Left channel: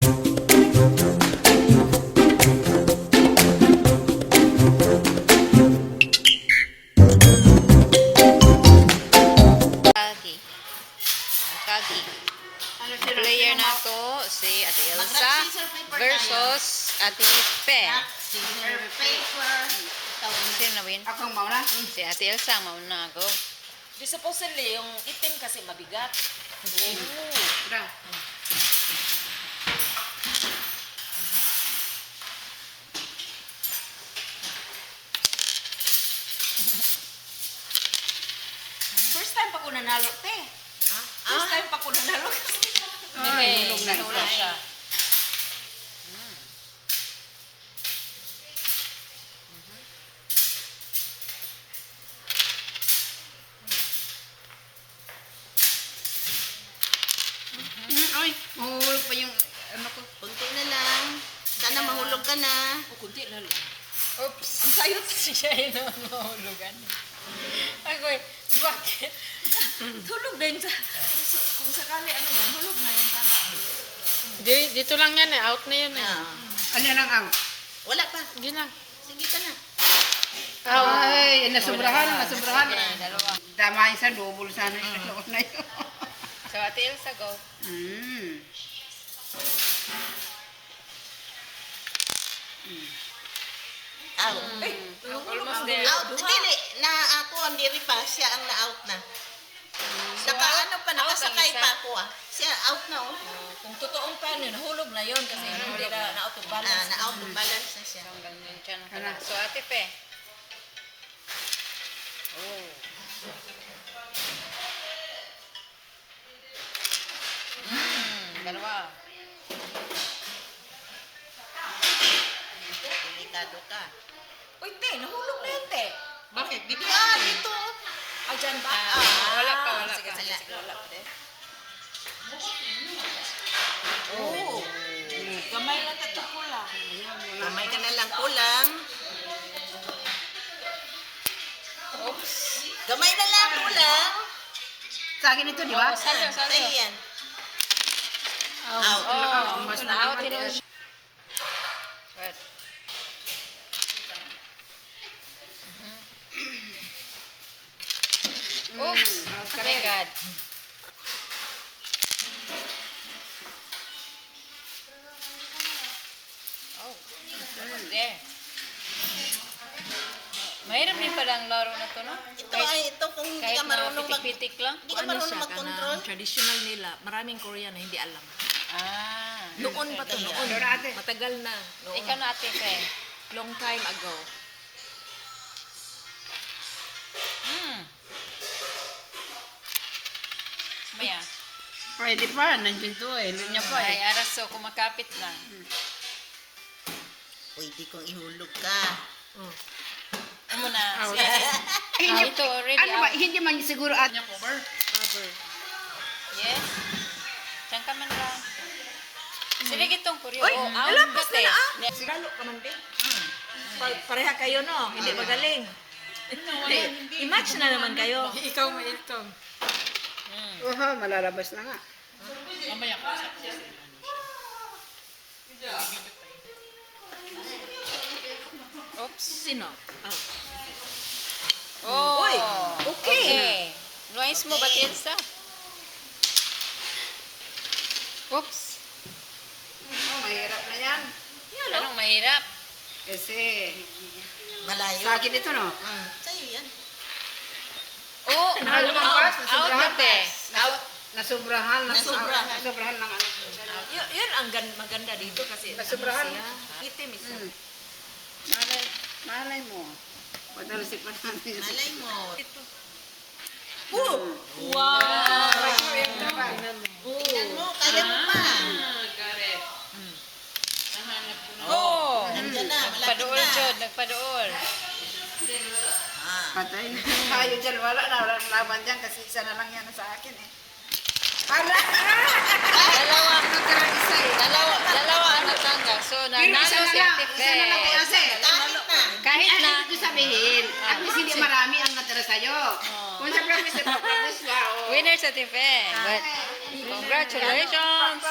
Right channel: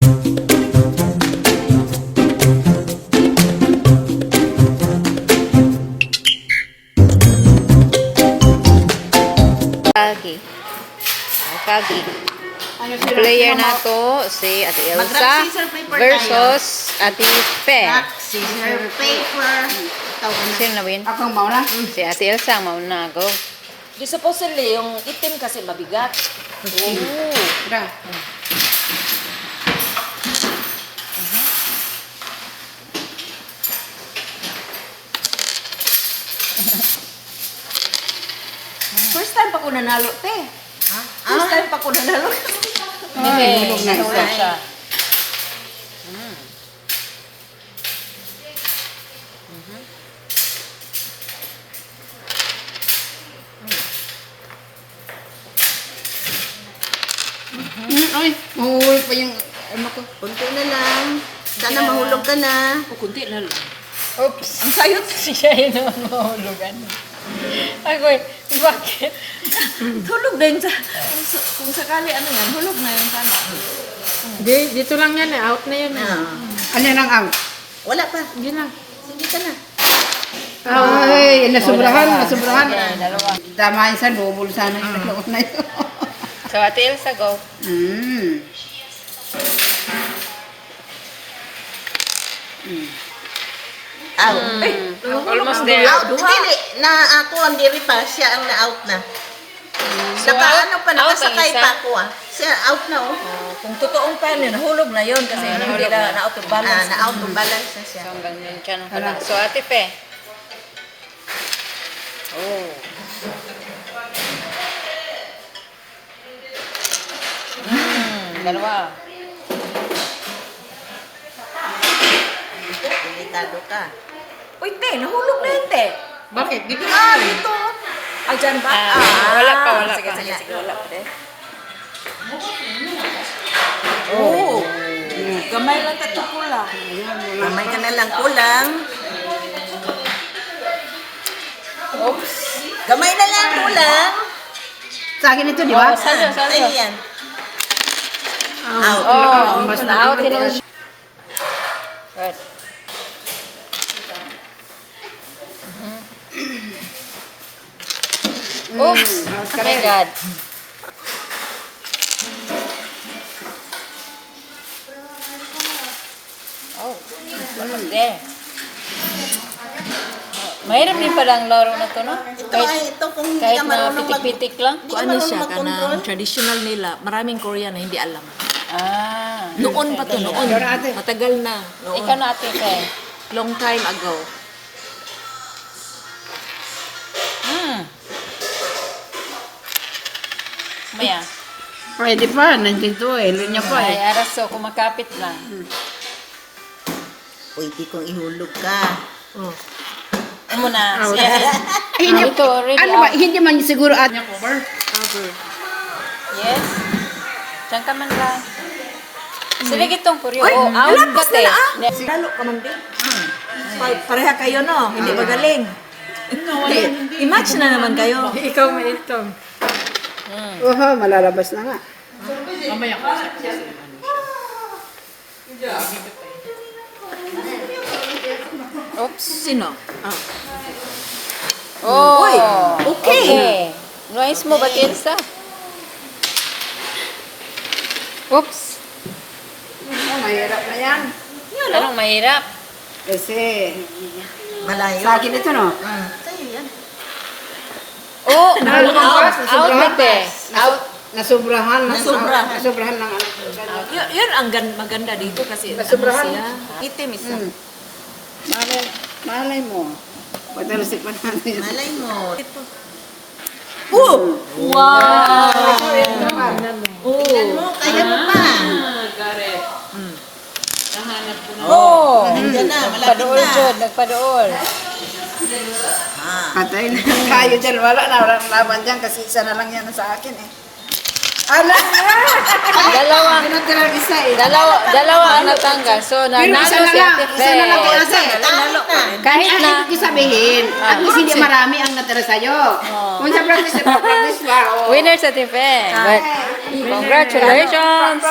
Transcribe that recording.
Kagi. Kagi. Player na to si Ate Elsa versus Ate Pe. Scissor, paper. Sino na win? Ako ang mauna. Si Ate Elsa ang mauna. Go. Di supposedly, yung itim kasi mabigat. Oh. Tara. First time pa ko nanalo, te. First time pa ko nanalo. Okay, hulog na nahulog isa. siya. Ay, mahuhulog pa yung ano ko. Kunti na lang. Sana mahulog ka na. O, kunti na lang. Oops. Ang sayot siya yun ang mahulugan. Ako bakit? Hulog na yun sa... Kung sakali ano yan, hulog na yun sana. Dito lang yan eh. Out na yan eh. Ano nang out? Wala pa. Hindi na. Sige ka na. Ay, nasubrahan. Okay, dalawa. Tama yun sa double sana yung dalawa na yun. So, Ate Elsa, go. Out. Almost there. Out. Dili. Na ako ang diri pa. Siya ang na-out na. So, Nakaano pa. out ang Nakasakay isa. pa ako ah. Siya out na oh. Kung totoong time yun, nahulog na yun kasi hindi na out of balance. Na-out ng balance na siya. So, hanggang yun siya ng pala. So, Ate Pe. Oh. Dalawa. Delikado ka. Uy, te, nahulog na yun, te. Bakit? Dito Ah, lang. dito. Ay, dyan ba? Wala pa. Sige, wala pa, te. Oh. Gamay lang tatlo ko lang. Kamay ka na lang kulang. Oops. Gamay na lang kulang. Sa akin ito, di ba? Oh, salyo. Ay, yan. Out. Oh, mas na-out din siya. Good. Oops! Oh my God. Oh, almost there. Mahirap din pala ang laro na to, no? Ito ay ito kung hindi Kahit ka na marunong pitik-pitik lang. Hindi Kung ka ano marunong siya, mag-control. kanang traditional nila, maraming Korean na hindi alam. Ah. Noon pa to, noon. Matagal na. Noon. Ikaw na, Ate Pe. Long time ago. Maya. Pwede pa, nandito eh. Linya pa Ay, eh. araso, kumakapit lang. Pwede kong ihulog ka. Oh. Muna. Siya. Hindi, Ito, already ano ba, out. hindi man siguro at... Yes. Diyan ka man lang. Sila gitong kuryo. Oh, out ka, te. Next. Lalo ka man din. Pareha kayo, no? Hindi magaling. I-match na naman kayo. Ikaw may itong. Oho, malalabas na nga. Mamaya ko sa Oops. Sino? Ah. Oh. Uy, okay. Noise mo ba, Elsa? Oops. Oh, mahirap na yan. Anong mahirap? Kasi, Malayo. sa akin ito, no? Sa'yo yan. Oh, Nalabas, out ka, te. Out. Nasubrahan. Nasubra. Nasubrahan ng ano. Yun ang maganda dito kasi Nasubrahan. siya. Itim isa. Malay mo. Patalasik pa natin. Malay mo. Oh! Wow! Tingnan mo, kaya mo pa. Got it. Nahanap ko na. Oh. Nandiyan na, malapit Nagpadool, na. Jod. Nagpadool. Patay na tayo dyan. Wala na. Walang laban dyan kasi isa na lang yan sa akin eh. Ala! Dalawa. Tinatira isa eh. Dalawa ang natanggal. So, Pero nanalo isa na si lang. Ate Isa na lang Fe. kasi. Kahit na. Ibig sabihin, at least hindi marami ang natira sa'yo. Kung sa practice pa, oh. Winner sa Ate Fe. But, congratulations.